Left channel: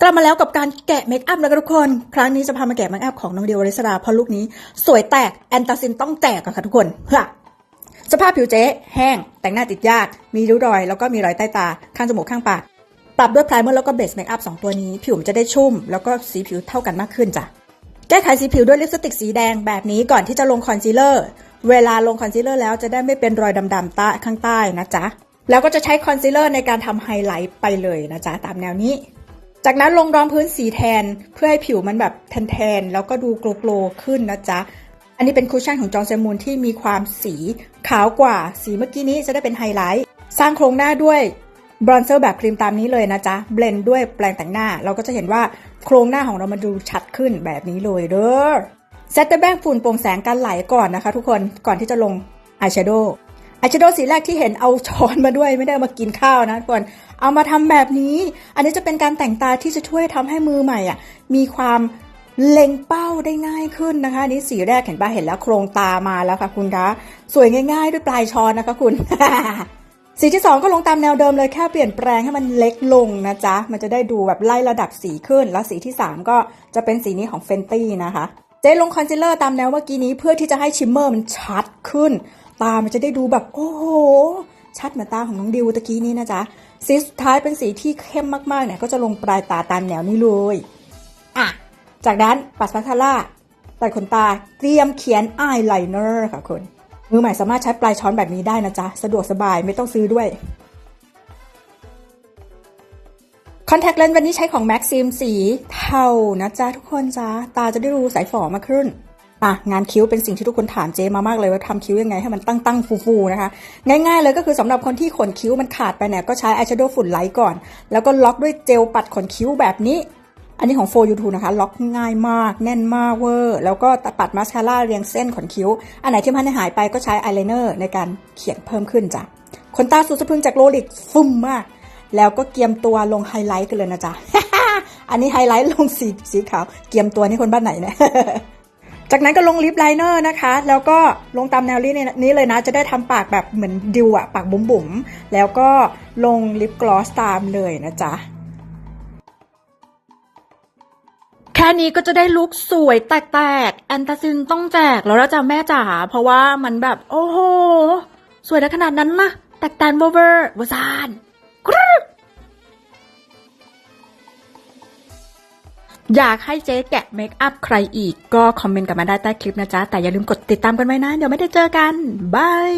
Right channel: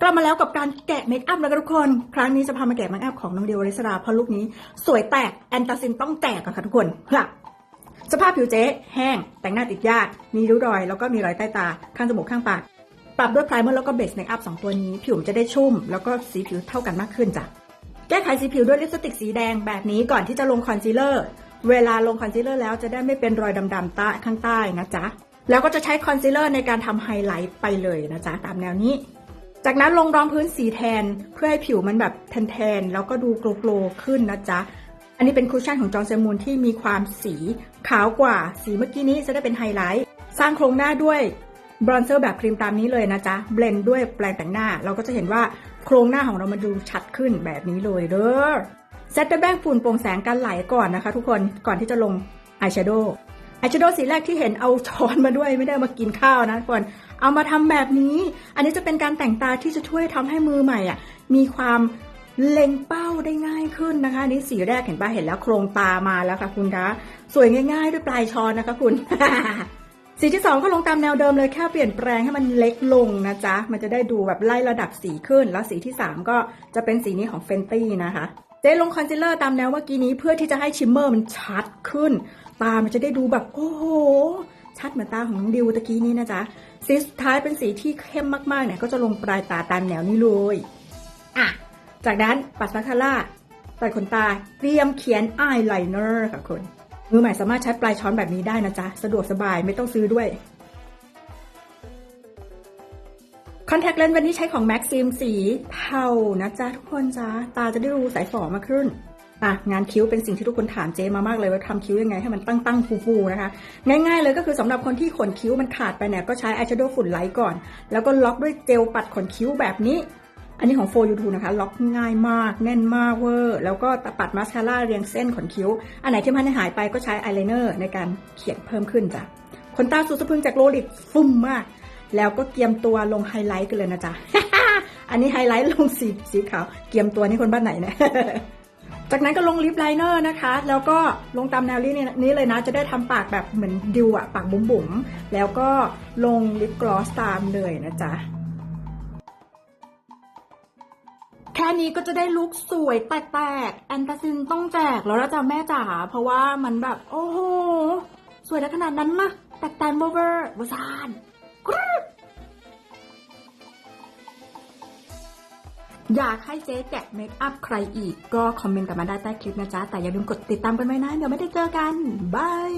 กลับมาแล้วกับการแกะเมคอัพแล้วกันทุกคน ครั้งนี้จะพามาแกะเมคอัพของน้องเดียวอริสราเพราะลุคนี้ สวยแตกแอนตาซินต้องแตกนะคะทุกคนฮะสภาพผิวเจ๊แห้ง แต่งหน้าติดยาก มีริ้วรอย แล้วก็มีรอยใต้ตา ข้างจมูกข้างปาก ปรับด้วยไพรเมอร์แล้วก็เบสเมคอัพสองตัวนี้ ผิวมันจะได้ชุ่ม แล้วก็สีผิวเท่ากันมากขึ้นจ้ะ แก้ไขสีผิวด้วยลิปสติกสีแดงแบบนี้ก่อนที่จะลงคอนซีลเลอร์ เวลาลงคอนซีลเลอร์แล้วจะได้ไม่เป็นรอยดำๆใต้ข้างใต้นะจ๊ะ แล้วก็จะใช้คอนซีลเลอร์ในการทำไฮไลท์ไปเลยนะจ๊ะตามแนวนี้ จากนั้นลงรองพื้นสีแทนเพื่อให้ผิวมันแบบแทนๆ แล้วก็ดูโกลๆขึ้นนะจ๊ะ อันนี้เป็นคุชชั่นของจอร์นเซมูนที่มีความสีขาวกว่าสีเมื่อกี้นี้จะได้เป็นไฮไลท์ สร้างโครงหน้าด้วยบรอนเซอร์แบบครีมตามนี้เลยนะจ๊ะ เบลนด์ด้วยแปรงแต่งหน้า เราก็จะเห็นว่าโครงหน้าของเรามันดูชัดขึ้นแบบนี้เลยเด้อเซตเตอร์แบงฝุ่นโปร่งแสงกันไหลก่อนนะคะ ทุกคนก่อนที่จะลงอายแชโดว์อายแชโดว์สีแรกที่เห็นเอาช้อนมาด้วยไม่ได้มากินข้าวนะทุกคน เอามาทำแบบนี้ อันนี้จะเป็นการแต่งตาที่จะช่วยทำให้มือใหม่อะมีความเล็งเป้าได้ง่ายขึ้นนะคะนนี้สีแรกเห็นปะเห็นแล้วโครงตามาแล้วค่ะคุณคะสวยง่าย ๆ ด้วยปลายช้อนนะคะคุณ สีที่สองก็ลงตามแนวเดิมเลยแค่เปลี่ยนแปลงให้มันเล็กลงนะจ๊ะ มันจะได้ดูแบบไล่ระดับสีขึ้น แล้วสีที่สามก็จะเป็นสีนี้ของเฟนตี้นะคะ เจ๊ลงคอนซีลเลอร์ตามแนวเมื่อกี้นี้เพื่อที่จะให้ชิมเมอร์มันชัดขึ้น ตามันจะได้ดูแบบโอ้โห ชัดเหมือนตาของน้องดิวตะกี้นี้นะจ๊ะสีสุดท้ายเป็นสีที่เข้มมากๆเนี่ยก็จะลงปลายตาตามแนวนี้เลยอะจากนั้นปัดมาคาร่าตัดขนตาเตรียมเขียนอายไลเนอร์ค่ะคุณมือใหม่สามารถใช้ปลายช้อนแบบนี้ได้นะจ๊ะ สะดวกสบายไม่ต้องซื้อด้วยคอนแทคเลนส์วันนี้ใช้ของ Maxim สีเทานะจ๊ะทุกคนจ๊ะ ตาจะได้ดูใสฝ่อมากขึ้น อะงานคิ้วเป็นสิ่งที่ทุกคนถามเจมามากเลยว่าทำคิ้วยังไงให้มันตั้งตั้งๆฟูๆนะคะ ง่ายๆเลยก็คือสำหรับคนที่ขนคิ้วมันขาดไปเนี่ยก็ใช้อายแชโดว์ฝุ่นไลท์ก่อน แล้วก็ล็อกด้วยเจลปัดขนคิ้วแบบนี้ อันนี้ของ4 u 2นะคะ ล็อกง่ายมากแน่นมากเวอร์ แล้วก็ปัดมาสคาร่าเรียงเส้นขนคิ้ว อันไหนที่มันหายไปก็ใช้อายไลเนอร์ในการเขียนเพิ่มขึ้นจ้ะขนตาสุดสะพึงจากโรลิกฟุ่มมาก แล้วก็เกียมตัวลงไฮไลท์กันเลยนะจ๊ะอันนี้ไฮไลท์ลงสีสีขาวเกียมตัวนี่คนบ้านไหนเนี่ย จากนั้นก็ลงลิปไลเนอร์นะคะ แล้วก็ลงตามแนวนี้นี้เลยนะ จะได้ทำปากแบบเหมือนดิวอะปากบุ๋มๆ แล้วก็ลงลิปกลอสตามเลยนะจ๊ะแค่นี้ก็จะได้ลุคสวยแตกๆแอนตาซินต้องแจกแล้วนะจ๊ะแม่จ๋าเพราะว่ามันแบบ โอ้โห สวยได้ขนาดนั้นนะแตกแตนเวอร์เวอร์วซาน อยากให้เจ๊แกะเมคอัพใครอีกก็คอมเมนต์กันมาได้ใต้คลิปนะจ๊ะ แต่อย่าลืมกดติดตามกันไว้นะ เดี๋ยวไม่ได้เจอกัน บาย